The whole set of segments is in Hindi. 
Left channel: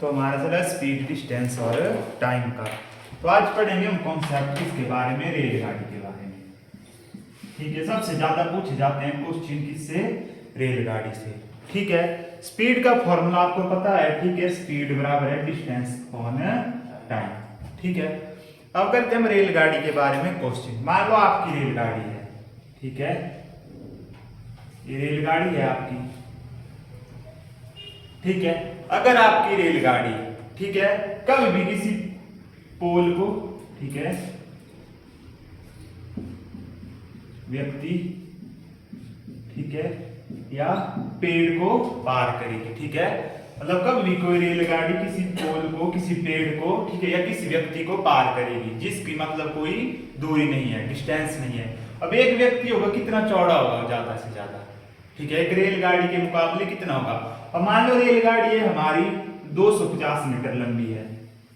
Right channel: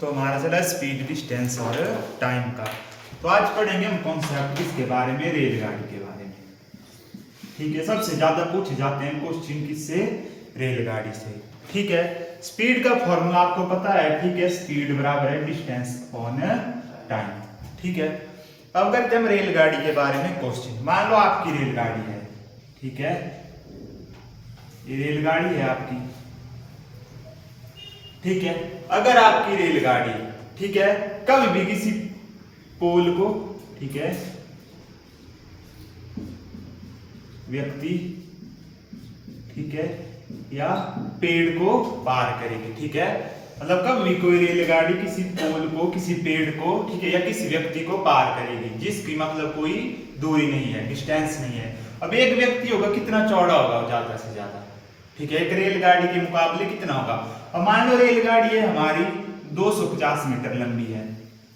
तो हमारा चला स्पीड, डिस्टेंस और टाइम का। तो आज पढ़ेंगे हम कॉन्सेप्ट किसके बारे में, रेलगाड़ी के बारे में। ठीक है, सबसे ज्यादा पूछे जाते हैं क्वेश्चन किससे, रेलगाड़ी से। ठीक है, स्पीड का फॉर्मूला आपको पता है। ठीक है, स्पीड बराबर है डिस्टेंस अपॉन टाइम। ठीक है, अब करते हैं हम रेलगाड़ी के बारे में क्वेश्चन। मान लो आपकी रेलगाड़ी है, ठीक है, ये रेलगाड़ी है आपकी। ठीक है, अगर आपकी रेलगाड़ी, ठीक है, कभी भी किसी पोल को, ठीक है, व्यक्ति, ठीक है, या पेड़ को पार करेगी। ठीक है, मतलब कभी भी कोई रेलगाड़ी किसी पोल को, किसी पेड़ को, ठीक है, या किसी व्यक्ति को पार करेगी जिसकी मतलब कोई दूरी नहीं है, डिस्टेंस नहीं है। अब एक व्यक्ति होगा, कितना चौड़ा होगा, ज्यादा से ज्यादा। ठीक है, एक रेलगाड़ी के मुकाबले कितना होगा। अब मान लो रेलगाड़ी है हमारी 250 मीटर लंबी है,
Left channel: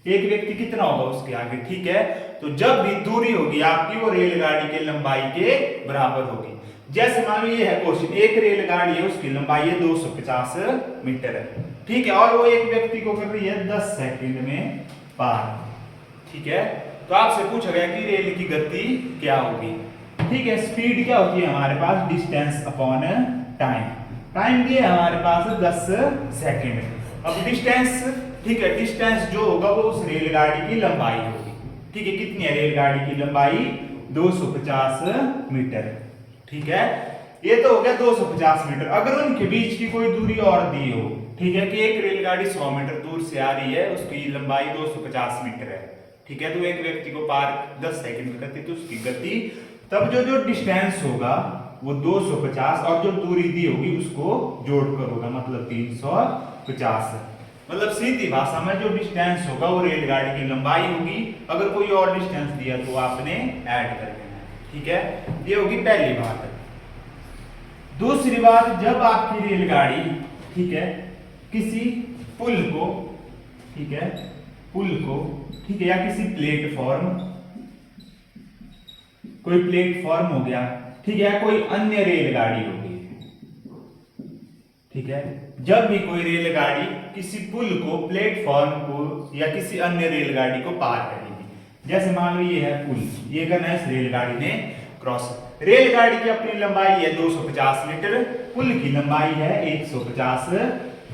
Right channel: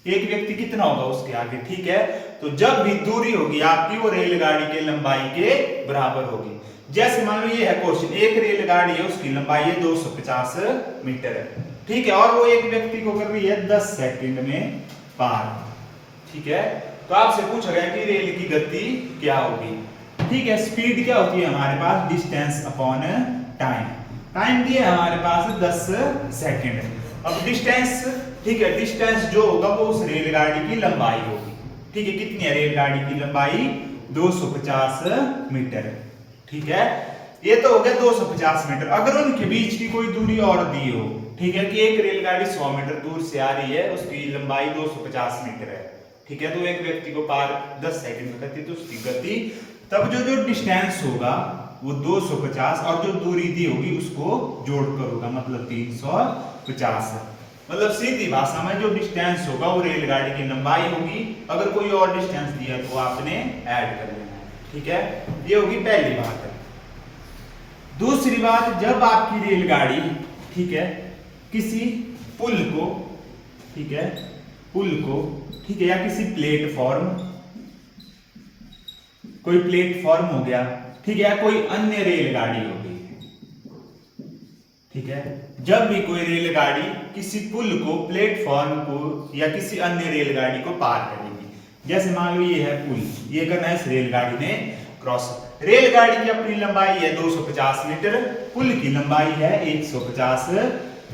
एक व्यक्ति कितना होगा उसके आगे। ठीक है, तो जब भी दूरी होगी आपकी वो रेलगाड़ी की लंबाई के बराबर होगी। जैसे मान लो ये है क्वेश्चन, एक रेलगाड़ी है उसकी लंबाई है 250 मीटर। ठीक है, और वो एक व्यक्ति को कर रही है 10 सेकंड में पार। ठीक है, तो आपसे पूछा गया कि रेल की गति क्या होगी। ठीक है, स्पीड क्या होती है हमारे पास, डिस्टेंस अपॉन टाइम। टाइम दिया है हमारे पास 10 सेकंड। अब डिस्टेंस, ठीक है, डिस्टेंस जो होगा वो उस रेलगाड़ी की लंबाई होगी। ठीक है, कितनी है रेलगाड़ी की लंबाई, 250 मीटर। ठीक है, ये तो हो गया 250 मीटर। अगर उनके बीच की कोई दूरी और दी हो, ठीक है, कि एक रेलगाड़ी 100 मीटर दूर से आ रही है, उसकी लंबाई 250 मीटर है। ठीक है, तो एक व्यक्ति को पार 10 सेकंड में करती, तो उसकी गति, तब जो डिस्टेंस होगा वो 250 और जो दूरी दी होगी उसको जोड़कर होगा, मतलब 350। मतलब सीधी भाषा में जो डिस्टेंस होगा वो रेलगाड़ी की लंबाई होगी। अगर कोई और डिस्टेंस दिया तो आपने ऐड कर लेना है। ठीक है, ये होगी पहली बात। दूसरी बात, जब आपकी रेलगाड़ी, ठीक है, किसी पुल को, ठीक है, पुल को, ठीक है, या किसी प्लेटफॉर्म, कोई प्लेटफॉर्म हो गया, ठीक है, या कोई अन्य रेलगाड़ी होगी। ठीक है, जब भी कोई रेलगाड़ी किसी पुल को, प्लेटफॉर्म को या किसी अन्य रेलगाड़ी को पार करेगी, जैसे मान लो ये है पुल, ये करना है इस रेलगाड़ी ने क्रॉस। रेलगाड़ी की अपनी लंबाई है 250 मीटर, पुल की लंबाई है 150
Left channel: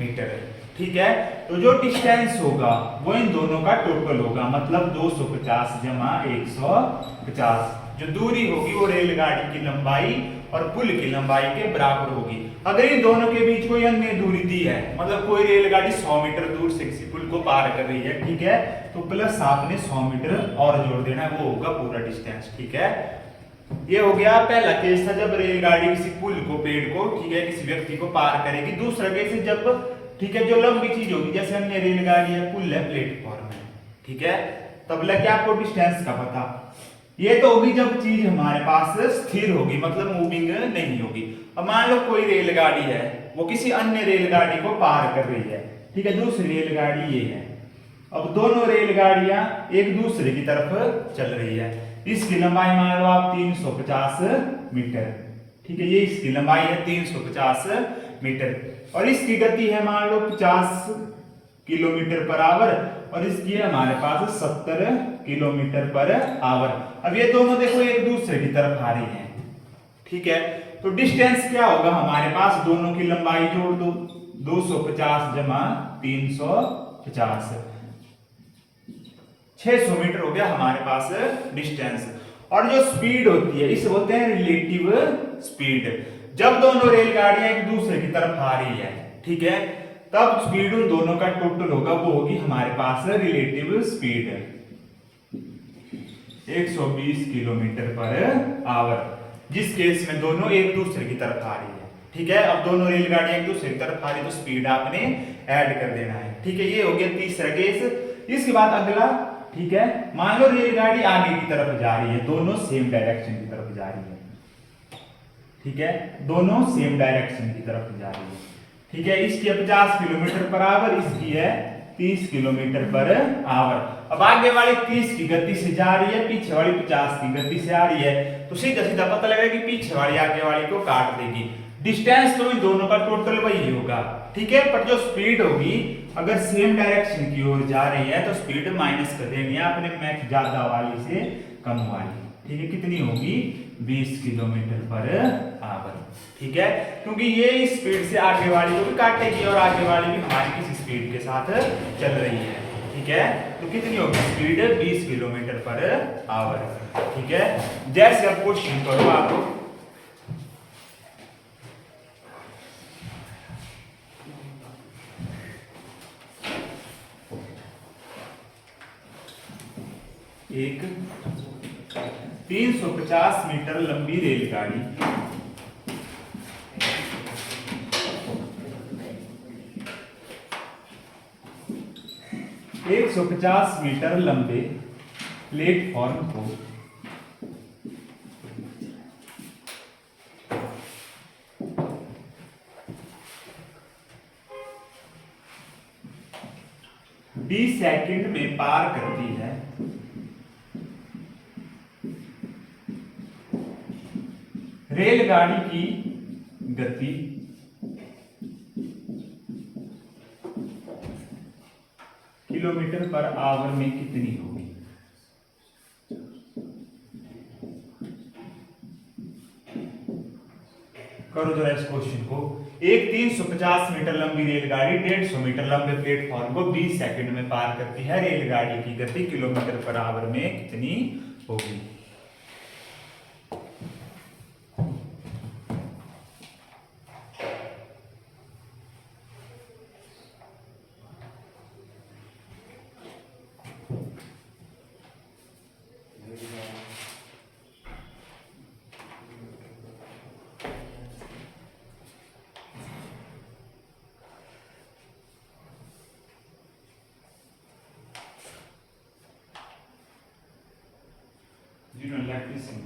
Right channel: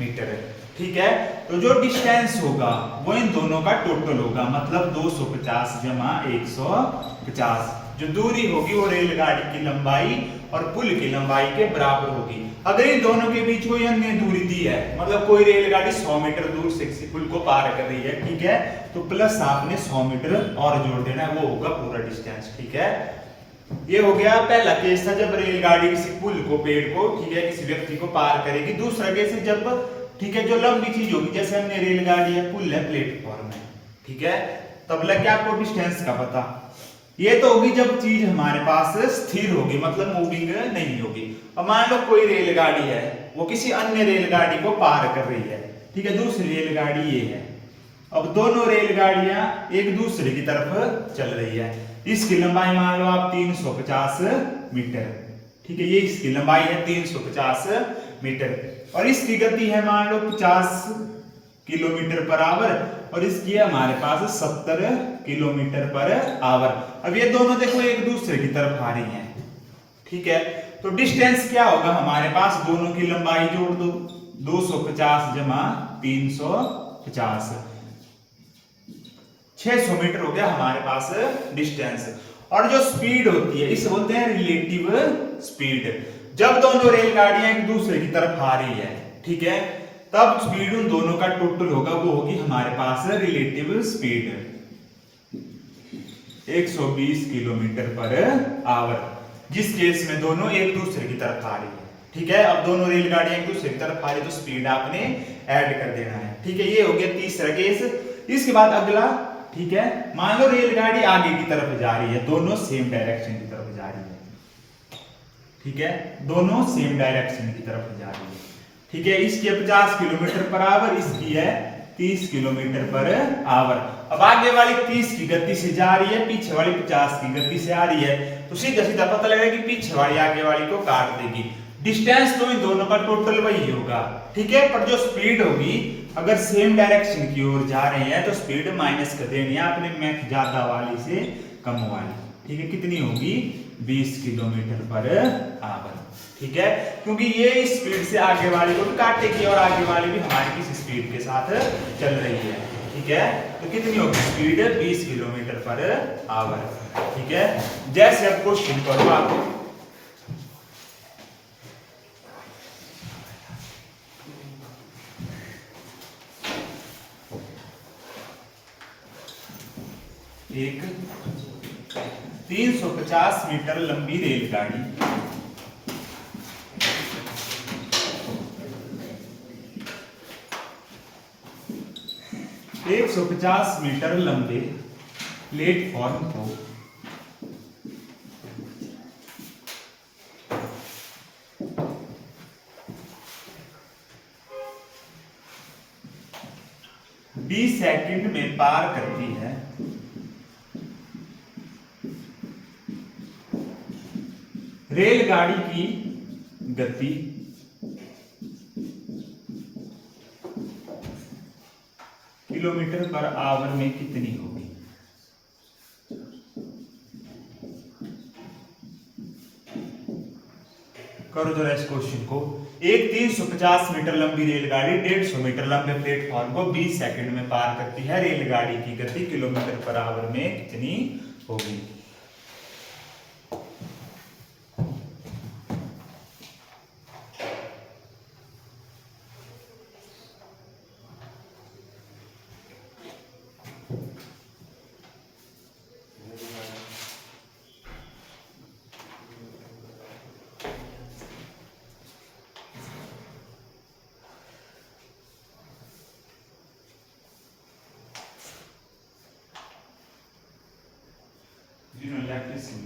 मीटर। ठीक है, तो जो डिस्टेंस होगा वो इन दोनों का टोटल होगा, मतलब 250 जमा 150। जो दूरी होगी वो रेलगाड़ी की लंबाई और पुल की लंबाई के बराबर होगी। अगर इन दोनों के बीच कोई अन्य दूरी दी है, मतलब कोई रेलगाड़ी 100 मीटर दूर से किसी पुल को पार कर रही है, ठीक है, तो प्लस आपने 100 मीटर और जोड़ देना है, वो होगा पूरा डिस्टेंस। ठीक है, ये हो गया पहला केस था जब रेलगाड़ी किसी पुल को, पेड़ को, ठीक है, किसी व्यक्ति को पार करेगी। दूसरा केस है जब, ठीक है, जो लंबी चीज होगी, जैसे हमने रेलगाड़ी है, पुल है, प्लेटफॉर्म है, ठीक है, तब लग गया आपको डिस्टेंस का पता। ये तो होगी जब चीज हमारे पास स्थिर होगी, मतलब मूविंग नहीं होगी। अब मान लो कोई रेलगाड़ी है, वो किसी अन्य रेलगाड़ी को पार कर रही है। ठीक है, दूसरी रेलगाड़ी ये है। अब दोनों रेलगाड़ियां एक दूसरे की तरफ चल रही है। इसकी लंबाई मान लो आप 350 मीटर। ठीक है, ये इसकी लंबाई है 350 मीटर और इसकी गति है मान लो 50 किलोमीटर पर आवर और इसकी है हमारे पास 70 किलोमीटर पर आवर। अब ये दोनों देखो एक दूसरे की तरफ आ रही हैं। ठीक है, तो डिस्टेंस क्या होगा हमारे पास, दोनों की लंबाई जोड़ दो, 250 जमा 350, 600 मीटर हो गया हमारे पास डिस्टेंस। और जो स्पीड होती है इसे बोलते हैं रिलेटिव स्पीड। जब दोनों रेलगाड़ियां एक दूसरे की तरफ आ रही है, ठीक है, तब स्पीड उन दोनों का टोटल होगा, वो होगी हमारे पास relative speed 120 kilometre per hour, जिस केस में दोनों एक दूसरे की तरफ आ रही है। ठीक है, अब दोनों रेलगाड़ियां एक दूसरे की तरफ आ रही है तो स्पीड आपने ऐड कर देना है। ठीक है, ये हो गया तीसरा केस। इसके बाद अगला, ठीक है, मान लो रेलगाड़ी आगे की तरफ जा रही है, दोनों सेम डायरेक्शन की तरफ जा रही है। ठीक है, दोनों सेम डायरेक्शन की तरफ जा रही है। ठीक है, इसकी है 50 किलोमीटर पर आवर, इसकी है 30 किलोमीटर पर आवर। अब आगे वाली 30 की गति से जा रही है, पीछे वाली 50 की गति से आ रही है, तो सीधा सीधा पता लगेगा कि पीछे वाली आगे वाली को काट देगी। डिस्टेंस तो इन दोनों का टोटल वही होगा। ठीक है, पर जो स्पीड होगी अगर सेम डायरेक्शन की ओर जा रहे हैं तो स्पीड माइनस कर देनी है अपने मैथ ज्यादा वाली से कम वाली। ठीक है, कितनी होगी 20 किलोमीटर पर आवर। ठीक है, क्योंकि ये इस स्पीड से आगे वाली को भी काटेगी और आगे वाली भी हमारी किसी स्पीड के साथ चल रही है। ठीक है, तो कितनी होगी स्पीड 20 किलोमीटर पर आवर। ठीक है, जैसे अब क्वेश्चन करो आप, एक 350 मीटर लंबी रेलगाड़ी 150 मीटर लंबे प्लेटफॉर्म को 20 सेकंड में पार करती है। रेलगाड़ी की गति किलोमीटर पर आवर में कितनी होगी? करो जरा इस क्वेश्चन को। एक 350 मीटर लंबी रेलगाड़ी 150 मीटर लंबे प्लेटफॉर्म को 20 सेकंड में पार करती है। रेलगाड़ी की गति किलोमीटर पर आवर में कितनी होगी?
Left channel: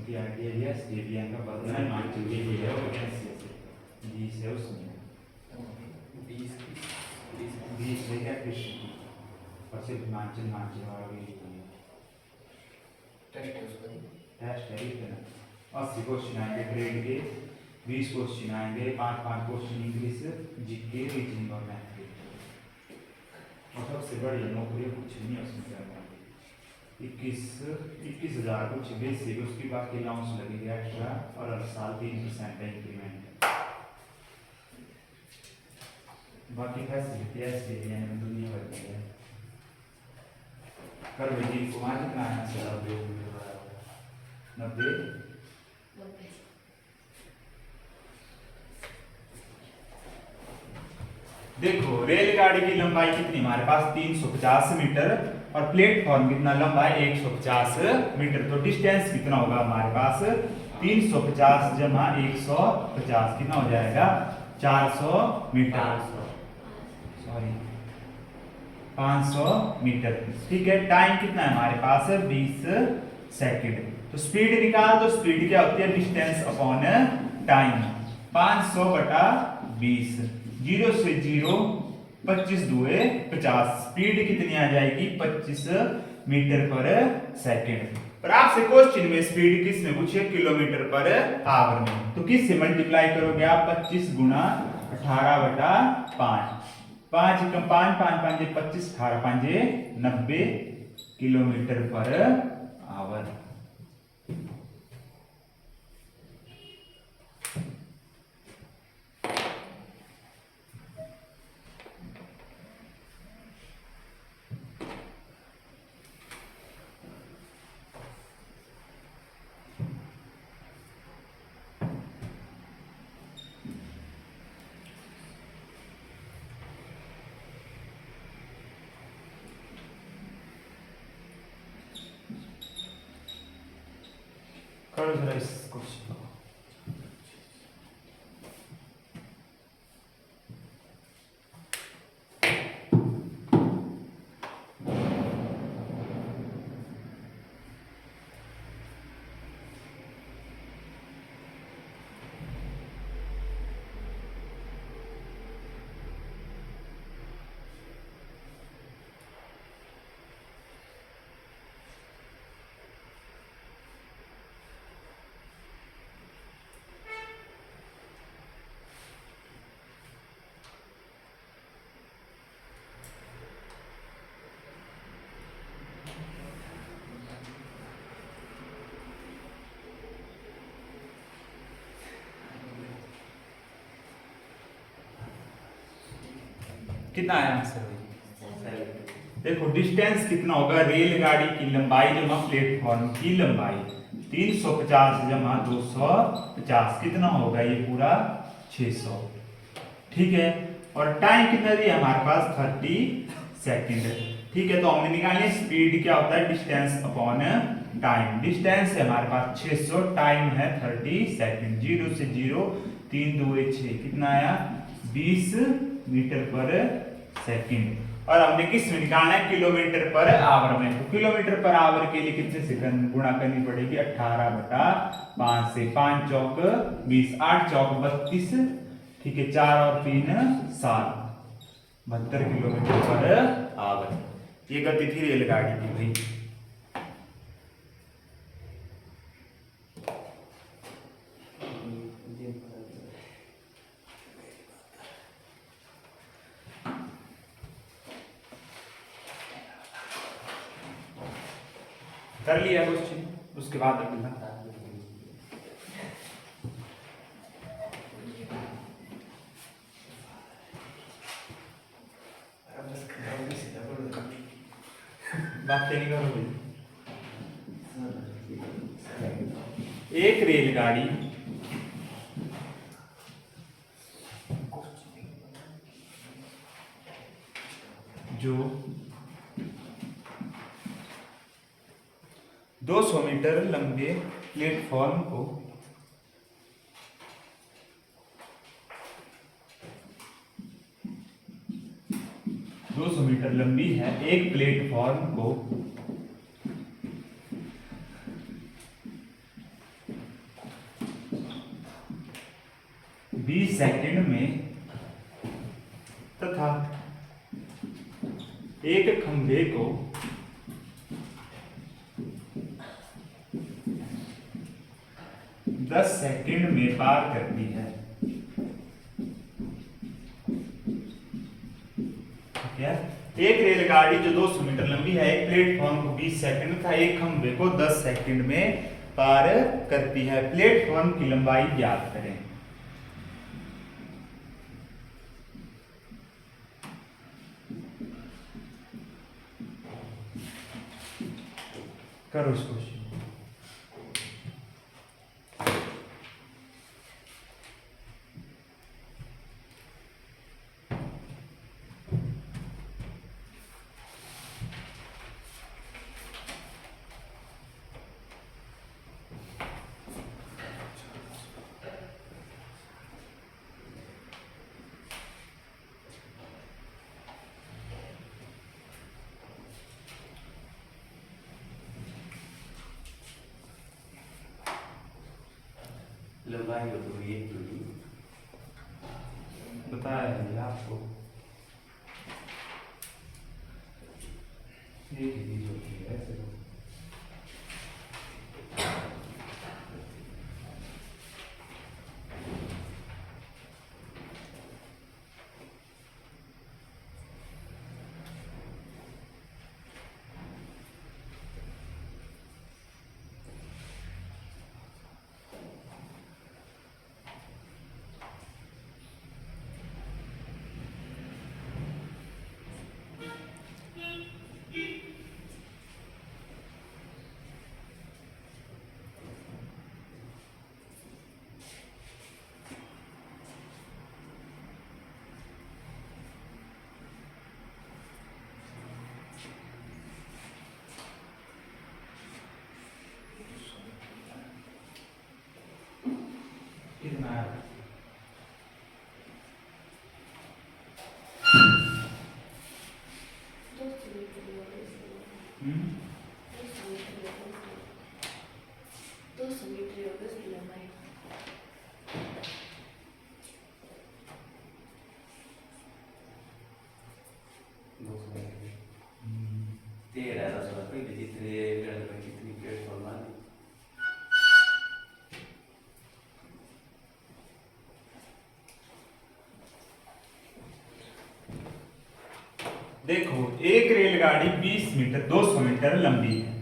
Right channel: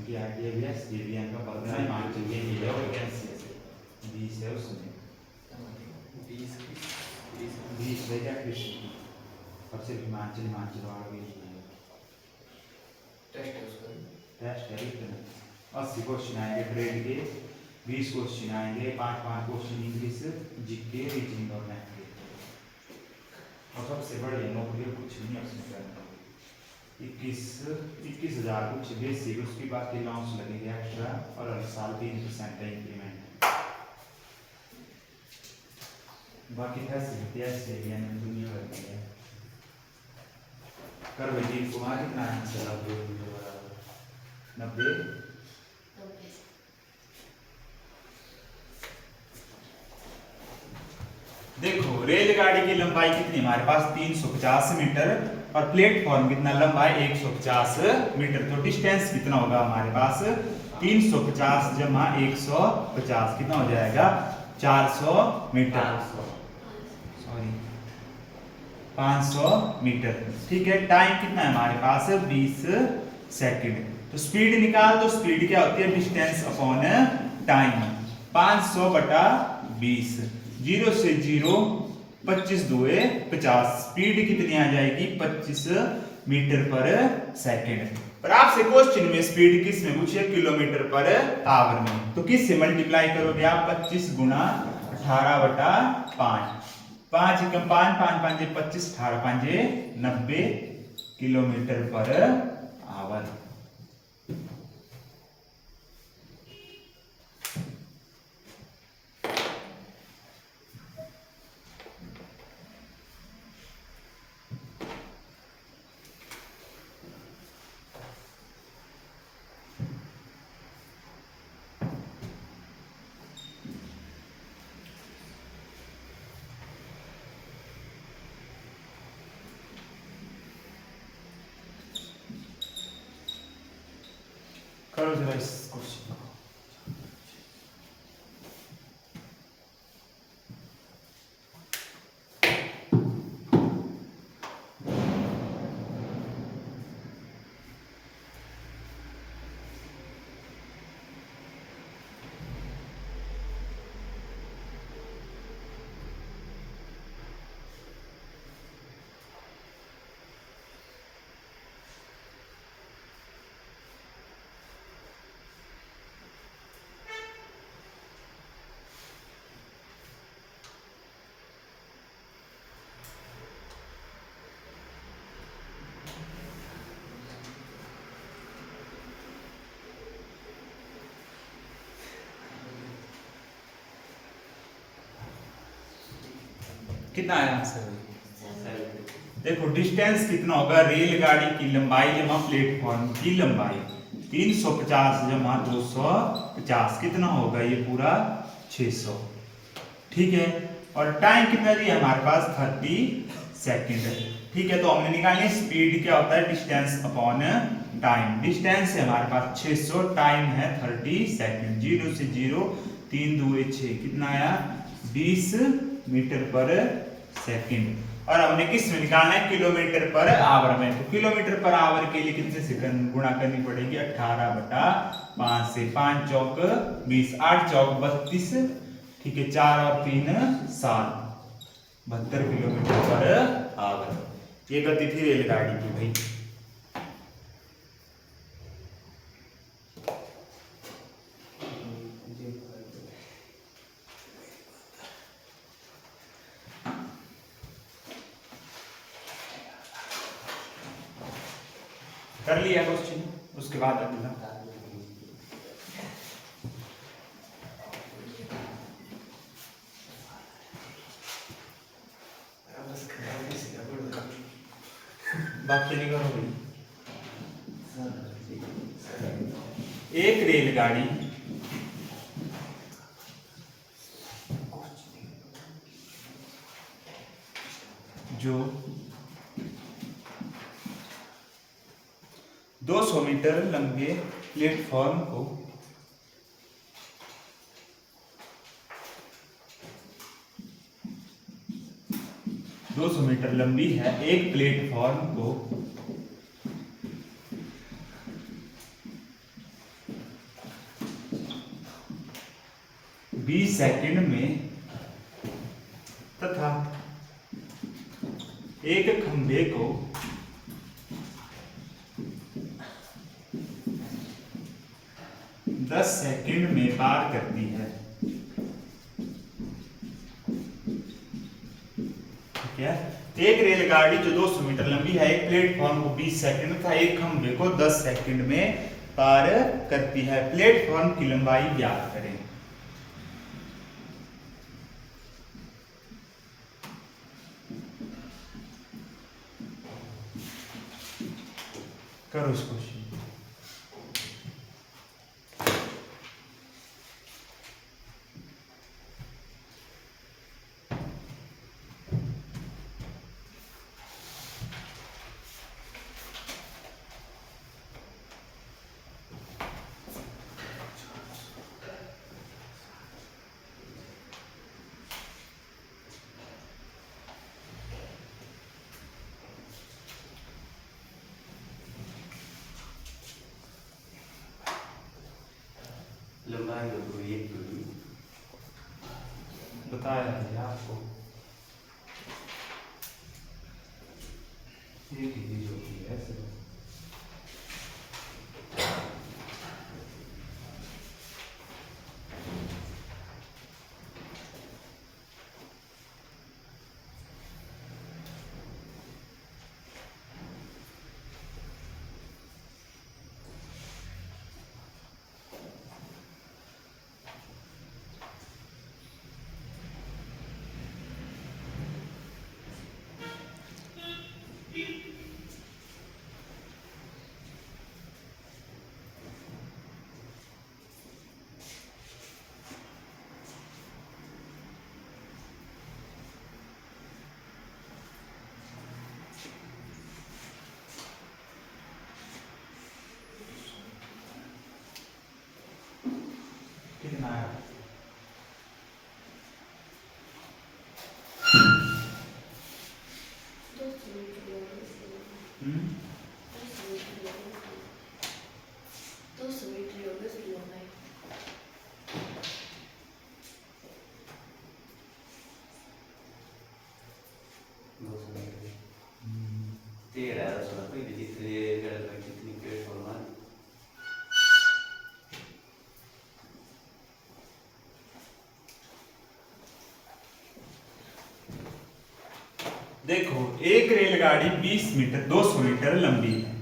की आइडिया है स्टेडियम का पता है मान चुके हैं ये और कैसे से 20 है उसमें 20 है क्या कृष्ण और सिर्फ हिमाचल और भी टेस्ट है इतना 80 क्वेश्चन आएंगे ग्रेड के 20 क्वेश्चन आएंगे 5 क्वेश्चन इंग्लिश जीके रीजनिंग और मैथ के और सबसे बढ़िया नौकरी कुछ नहीं है उसमें करना 21,000 कुछ बेसिक उसकी बाकी अलाउंस लगेगा एक्स्ट्रा और हर साल 3% का इंक्रीमेंट बाकी फैसिलिटी ऐसे यानी दुनिया भर की है। कर भाई जी वहाँ कितना है 90 देखो रेलगाड़ी की लंबाई कितनी हमारे पास 350 मीटर और प्लेटफॉर्म कितना लंबा है 150 मीटर। तो डिस्टेंस कितना होगा हमारे पास 350 जमा 150 कितना हो जाएगा 400 मीटर सॉरी 500 मीटर। ठीक है, टाइम कितना है हमारे पास 20 सेकंड। तो स्पीड निकाल दो, स्पीड क्या होती है डिस्टेंस अपॉन टाइम 500 बटा 20 0 से 0 25 दुए 50 स्पीड कितनी आ जाएगी 25 मीटर पर सेकंड। पर आपसे क्वेश्चन में स्पीड किस में पूछे किलोमीटर पर आवर में, तो किस से मल्टीप्लाई करोगे आप 25 गुना 18 बटा 5 5 एकम 5 5 5 25 18 5 90 किलोमीटर पर आवर। करो जरा इस क्वेश्चन को। कितना आया आंसर? देखो डिस्टेंस कितना होगा, रेलगाड़ी की लंबाई जमा प्लेटफॉर्म की लंबाई 350 जमा 250 कितना होगा, ये पूरा 600। ठीक है, और टाइम कितना दिया हमारे पास 30 सेकंड। ठीक है, तो हमने निकालनी स्पीड क्या होता है, डिस्टेंस अपॉन टाइम। डिस्टेंस है हमारे पास 600, टाइम है 30 सेकंड। 0 से 0 3 2 6 कितना आया, 20 मीटर पर सेकंड। और हमने किस में निकालना है, किलोमीटर पर आवर में। तो किलोमीटर पर आवर के लिए कितने सेकंड गुणा करनी पड़ेगी, 18/5 से। 5 चौक 20, 8 चौक 32। ठीक है, 4 और 3 7, 72 किलोमीटर पर आवर। ये गति थी रेलगाड़ी की भाई। कर लिया क्वेश्चन, उसके बाद अगला वाक्य नहीं करोगे। एक रेलगाड़ी जो 200 मीटर लंबे प्लेटफॉर्म को 200 मीटर लंबी है, एक प्लेटफॉर्म को 20 सेकंड में तथा एक खंभे को 10 सेकंड में पार करती है। ठीक है, एक रेलगाड़ी जो 200 मीटर लंबी है, एक प्लेटफॉर्म को 20 सेकंड में तथा एक खंभे को 10 सेकंड में पार करती है। प्लेटफॉर्म की लंबाई ज्ञात करें। करो इसको। लंबाई होती है दूरी, बताया भैया आपको, एक ही चीज होती है ऐसे। कितना है? तेरह 10 कितनी प्लेटफॉर्म है? देखो एक रेलगाड़ी 20 मीटर 200 मीटर लंबी है।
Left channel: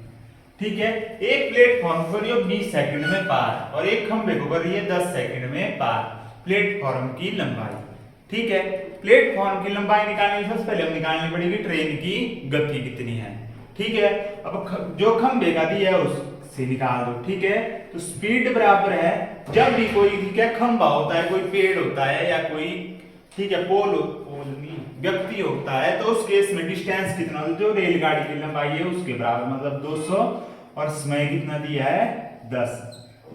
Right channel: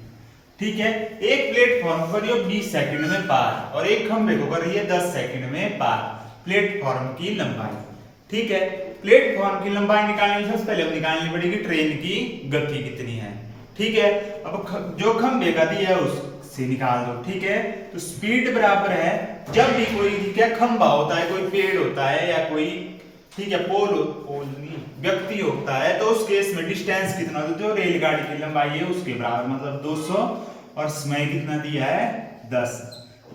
ठीक है, एक प्लेटफॉर्म पर ये 20 सेकंड में पार और एक खंभे को कर रही है 10 सेकंड में पार। प्लेटफॉर्म की लंबाई। ठीक है। प्लेटफॉर्म की लंबाई निकालने से सबसे पहले हम निकालनी पड़ेगी ट्रेन की गति कितनी है, ठीक है। अब जो खंभे का दिया है उससे निकाल दो, ठीक है। तो स्पीड बराबर है, जब भी कोई क्या खंभा होता है, कोई पेड़ होता है या कोई, ठीक है, पोल नहीं व्यक्ति होता है, तो उस केस में डिस्टेंस कितना होता है, जो रेलगाड़ी की लंबाई है उसके बराबर, मतलब 200, और समय कितना दिया है 10।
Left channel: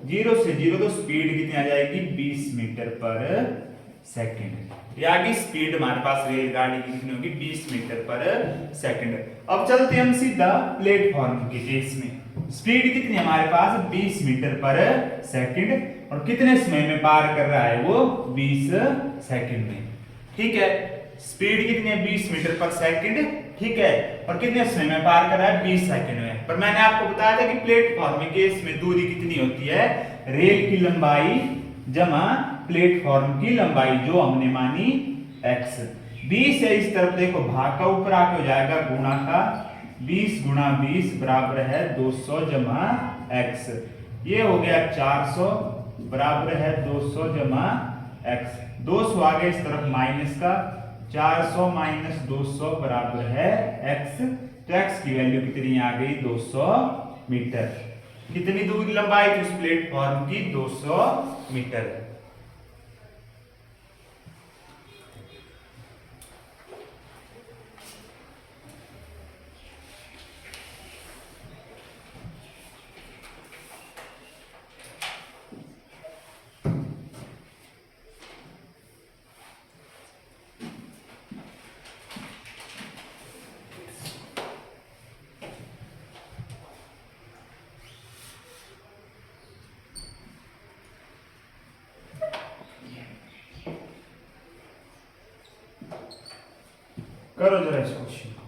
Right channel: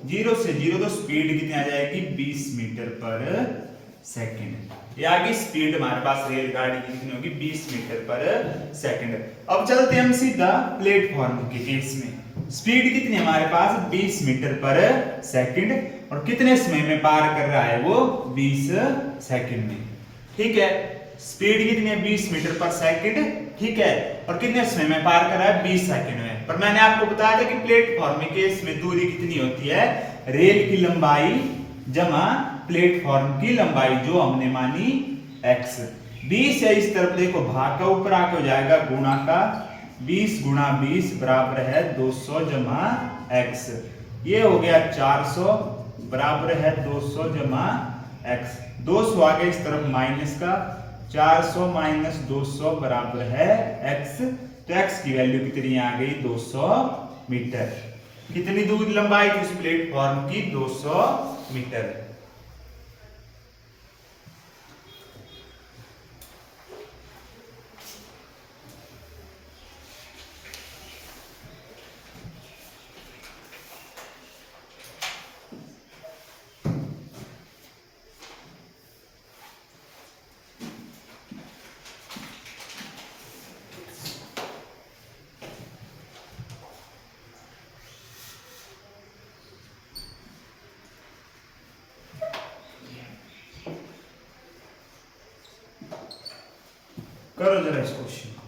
0 से 0 तो स्पीड कितनी आ जाएगी 20 मीटर पर सेकंड। ये आगे स्पीड हमारे पास रेलगाड़ी की कितनी होगी 20 मीटर पर सेकंड। अब चलते हम सीधा प्लेटफॉर्म के केस में। स्पीड कितनी है हमारे पास 20 मीटर पर सेकंड, और कितने समय में पार कर रहा है वो 20 सेकंड में, ठीक है। स्पीड कितनी है 20 मीटर पर सेकंड, ठीक है, और कितने समय में पार कर रहा है 20 सेकंड में। पर मैंने आपको बताया था कि प्लेटफॉर्म के केस में दूरी कितनी होती है, रेल की लंबाई जमा प्लेटफॉर्म की लंबाई, जो हमने मानी x। 20 है इस तरफ देखो, भाग का ऊपर आके हो जाएगा गुणा का, 20 गुणा 20 बराबर है 200 जमा x। ये हो गया 400 बराबर है 200 जमा x। 200 आगे इस तरफ माइनस का, 400 माइनस 200 बराबर है x। तो x की वैल्यू कितनी आ गई 200 मीटर। कितनी दूर लंबाई थी उस प्लेटफॉर्म की 200 मीटर। करो जरा इस क्वेश्चन को।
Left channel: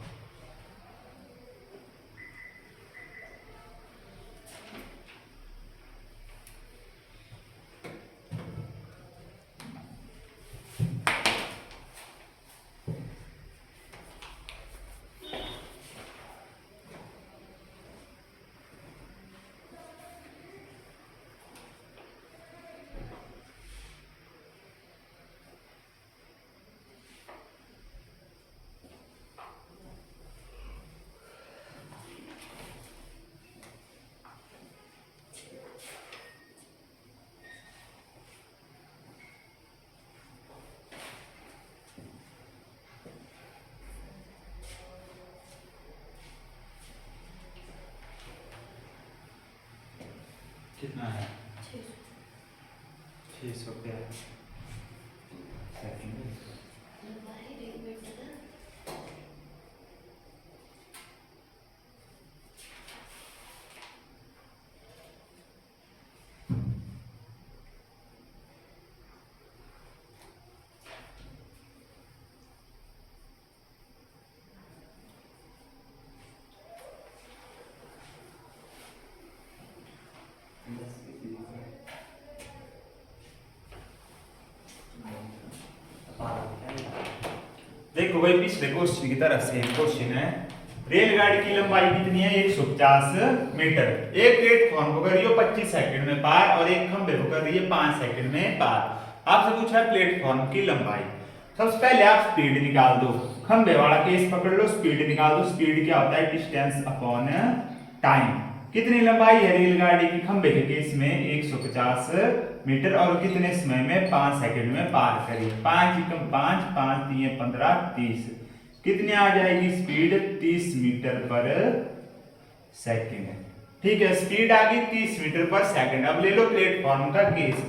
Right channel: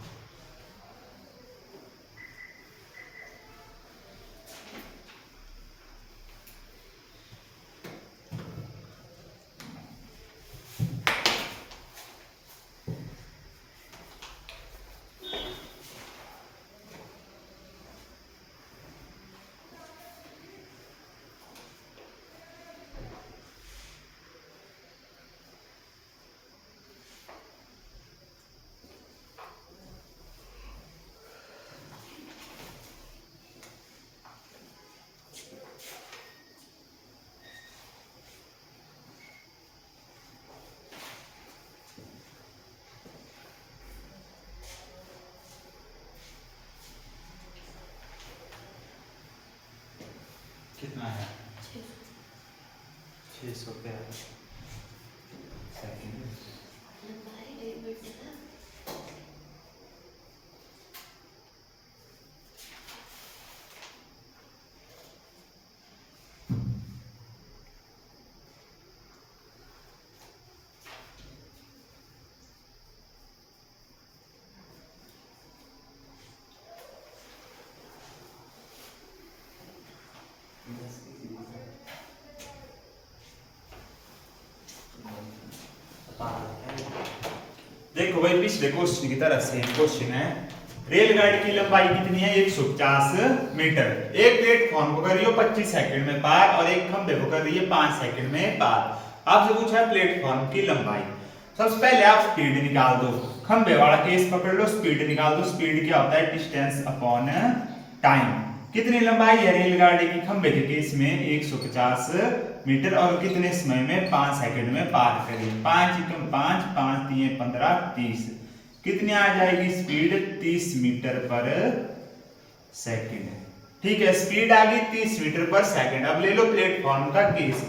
कितना है 600 पे सेकंड। देखो भाई पिछले क्वेश्चन की तरह सेम क्वेश्चन है। रेलगाड़ी की लंबाई कितनी है 150 मीटर। एक प्लेटफॉर्म को कर रही हो 25 सेकंड में पार, और एक खंभे को कर रही है 5 सेकंड में पार। आपसे पूछा है प्लेटफॉर्म की लंबाई। सबसे पहले आप स्पीड निकाल दो, खंभे वाला केस पकड़ लो, स्पीड निकाल दो। स्पीड क्या होता है डिस्टेंस अपॉन टाइम। कितनी लंबाई है रेलगाड़ी की खंभे के केस में 150 मीटर, और कितने समय में 5 सेकंड में पार करी। 5 एकम 5, 5 3 15 30। कितनी आ जाएगी स्पीड 30 मीटर पर सेकंड, ठीक है। स्पीड आ गई 30 मीटर पर सेकंड। अब ले लो प्लेटफॉर्म का केस।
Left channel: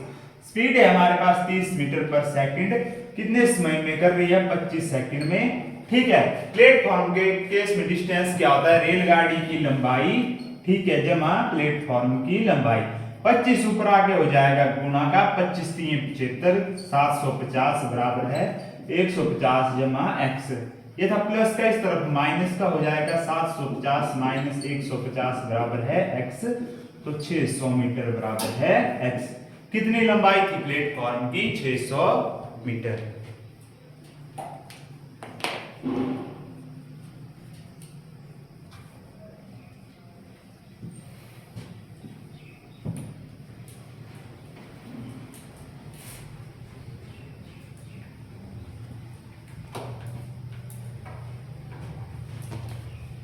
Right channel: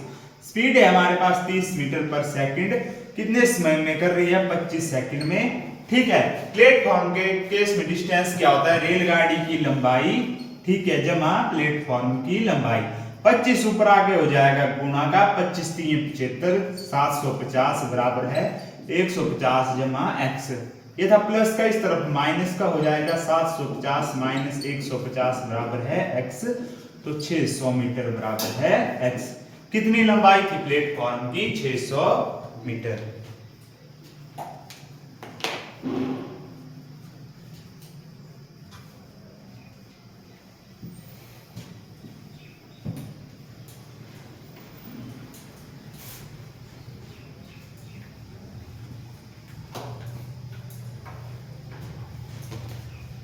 स्पीड है हमारे पास 30 मीटर पर सेकंड, कितने समय में कर रही है 25 सेकंड में, ठीक है। प्लेटफॉर्म के केस में डिस्टेंस क्या होता है रेलगाड़ी की लंबाई, ठीक है, जमा प्लेटफॉर्म की लंबाई। 25 ऊपर आगे हो जाएगा गुणा का, 25 3 75, 750 बराबर है 150 जमा x। ये था प्लस का, इस तरफ माइनस का हो जाएगा 750 माइनस 150 बराबर है x। तो 600 मीटर बराबर है x। कितनी लंबाई थी प्लेटफॉर्म की 600 मीटर।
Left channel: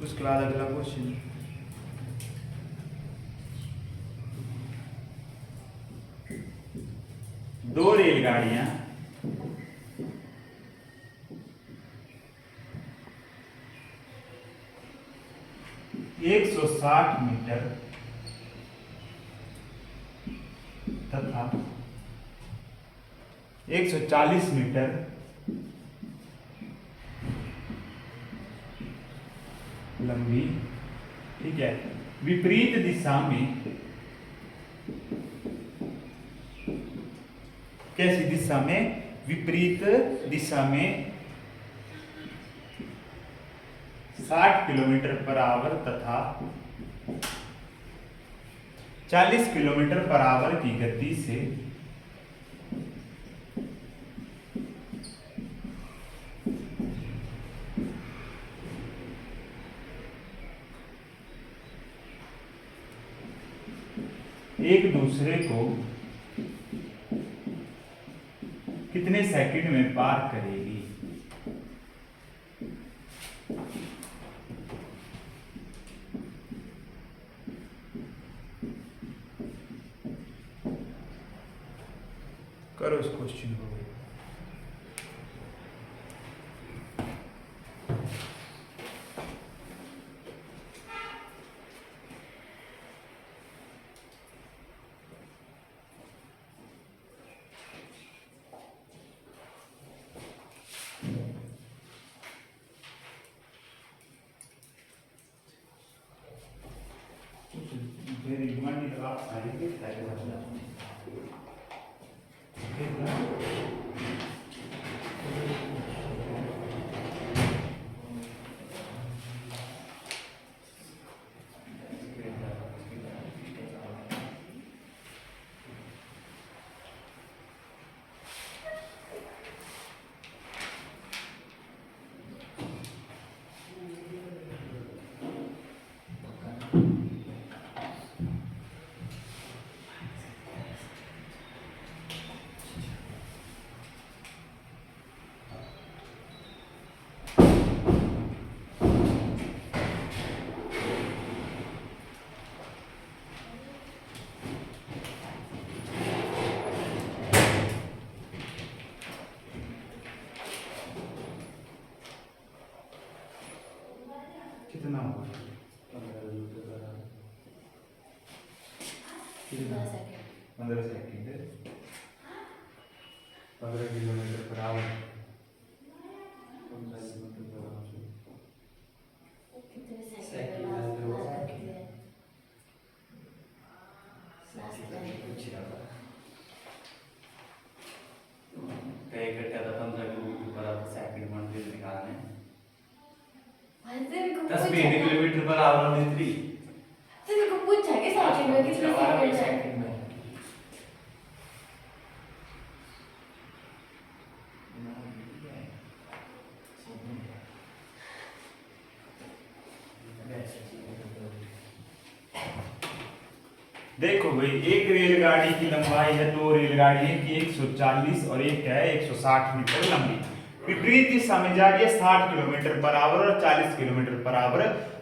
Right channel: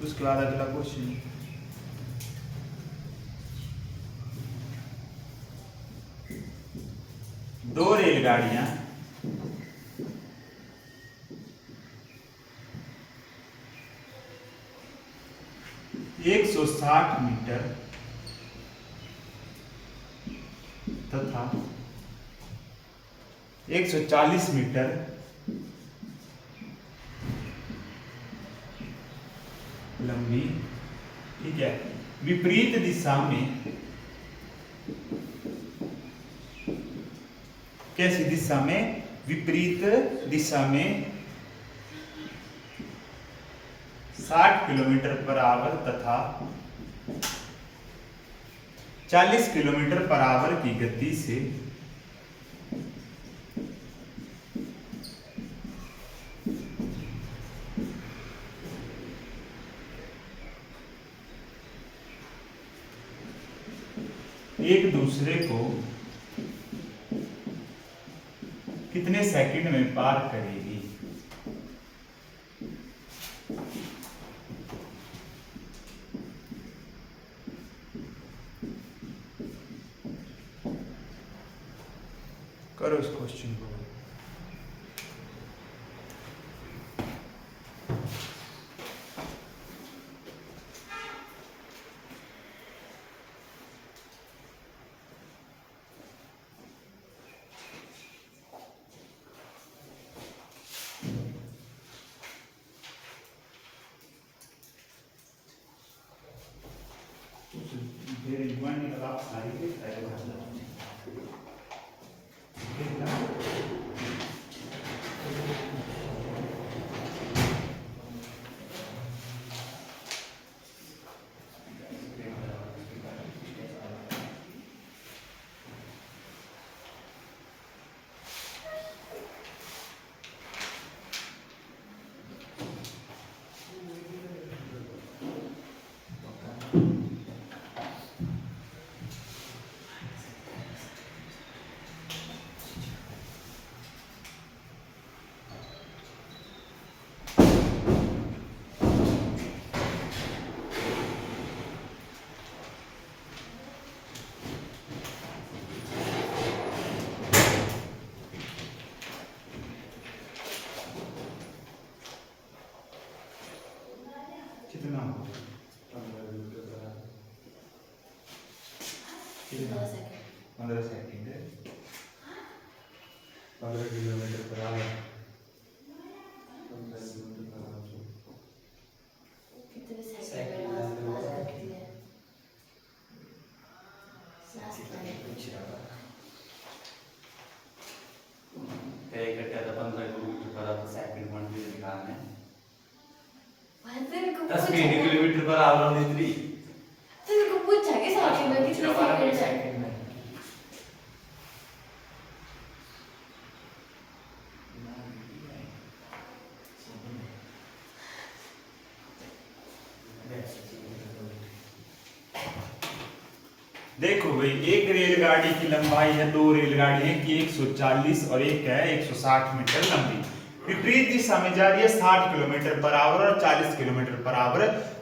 उसके बाद अगला क्वेश्चन, दो रेलगाड़ियां 160 मीटर तथा 140 मीटर लंबी, ठीक है, विपरीत दिशा में, कैसी दिशा में? विपरीत दिशा में 60 किलोमीटर पर आवर तथा 40 किलोमीटर पर आवर की गति से एक दूसरे को कितने सेकंड में पार करेगी? करो इस क्वेश्चन को। कितना हो? 15 second 15 kilometre per our. Kilometre per our में को पूछा कि सेकंड में कितने सेकंड है? देखो भाई, एक रेलगाड़ी की लंबाई है, दो रेलगाड़ी है कि 140 और एक है 160 मीटर लंबी, विपरीत दिशा में जा रही है 60 किलोमीटर पर आवर और 40 किलोमीटर पर आवर।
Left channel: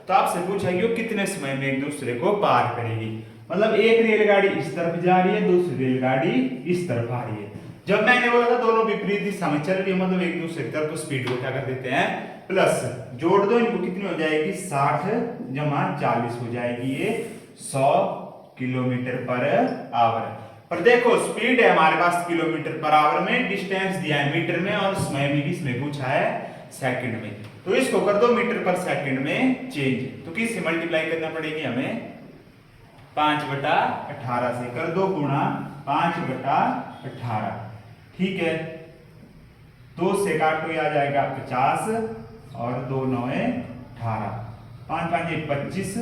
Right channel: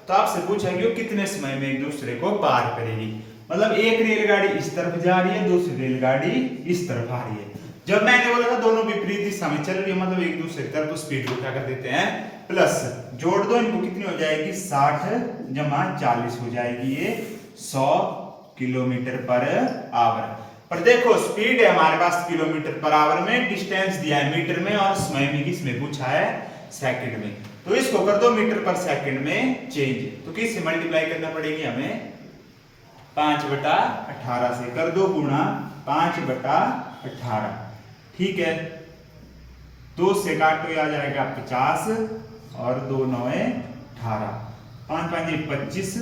तो आपसे पूछेगी वो कितने समय में एक दूसरे को पार करेगी। मतलब एक रेलगाड़ी इस तरफ जा रही है, दूसरी रेलगाड़ी इस तरफ आ रही है। जब मैंने बोला था दोनों विपरीत दिशा में चल रही है, मतलब एक दूसरे की तरफ स्पीड को क्या कर देते हैं, प्लस जोड़ दो, इनको कितनी हो जाएगी, 60 जमा 40 हो जाएगी, ये 100 किलोमीटर पर आवर। पर देखो स्पीड है हमारे पास किलोमीटर पर आवर में, डिस्टेंस दिया है मीटर में, और समय भी किसमें पूछा है, सेकंड में। तो इसको कर दो मीटर पर सेकंड में चेंज, तो किससे मल्टीप्लाई करना पड़ेगी हमें, 5/18 से कर दो गुणा 5/18, ठीक है। 2 से काटो, आ जाएगा 50 और 2 9 18, 5 5 25,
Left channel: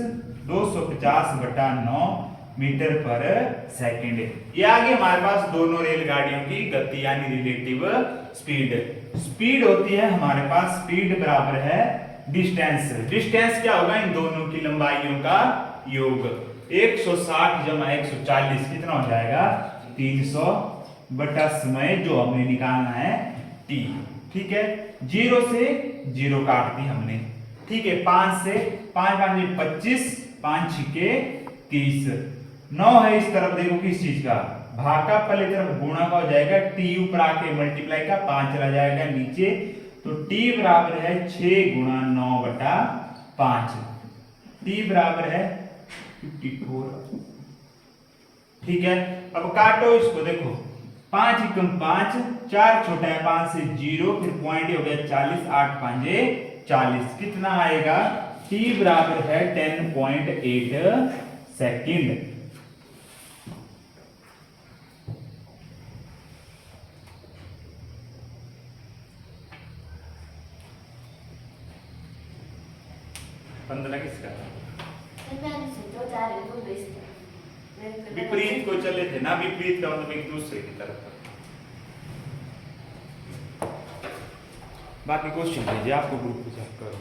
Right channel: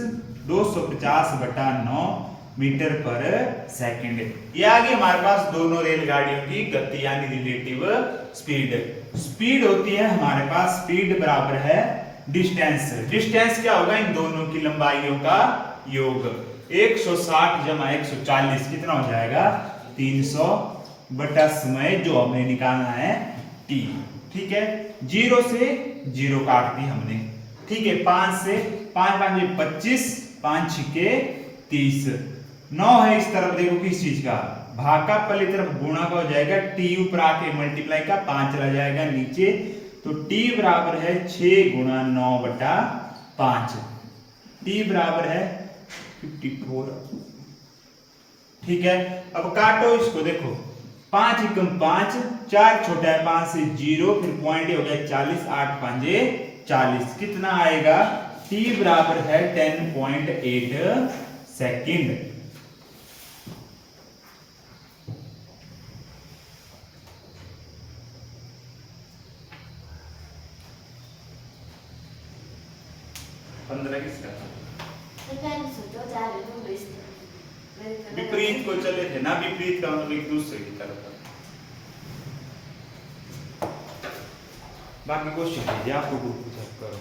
250/9 मीटर पर सेकंड। ये आगे हमारे पास दोनों रेलगाड़ियों की गति यानी रिलेटिव स्पीड। स्पीड होती है हमारे पास, स्पीड बराबर है डिस्टेंस। डिस्टेंस क्या होगा, इन दोनों की लंबाइयों का योग। 160 जमा 140 कितना हो जाएगा, 300 बटा समय जो हमने निकालना है t, ठीक है। 0 से 0 काट दी हमने, ठीक है 5 से 5 5 25, 5 छिके 30। 9 है इस तरफ, देखो किस चीज का भाग का, पहले तरफ गुणा का हो जाएगा, टी ऊपर आके मल्टीप्लाई का 5 चला जाएगा नीचे, तो टी बराबर है 6 गुणा 9/5। टी बराबर है 54। ठीक है, अब काटो इसको, देखो 5 एकम 5, 4 छोटा है 5 से 0, फिर पॉइंट हो गया 40, 8 5 40, कितना आएगा? टी बराबर है 10.8 सेकंड। किसका मैंने सोचा जा रही हूँ बेस्ट विपरीत को चले थे ना, विपरीत का मतलब एक दूसरे की तरफ। बाकी क्वेश्चन कीजिए, आपको ग्रुप करो।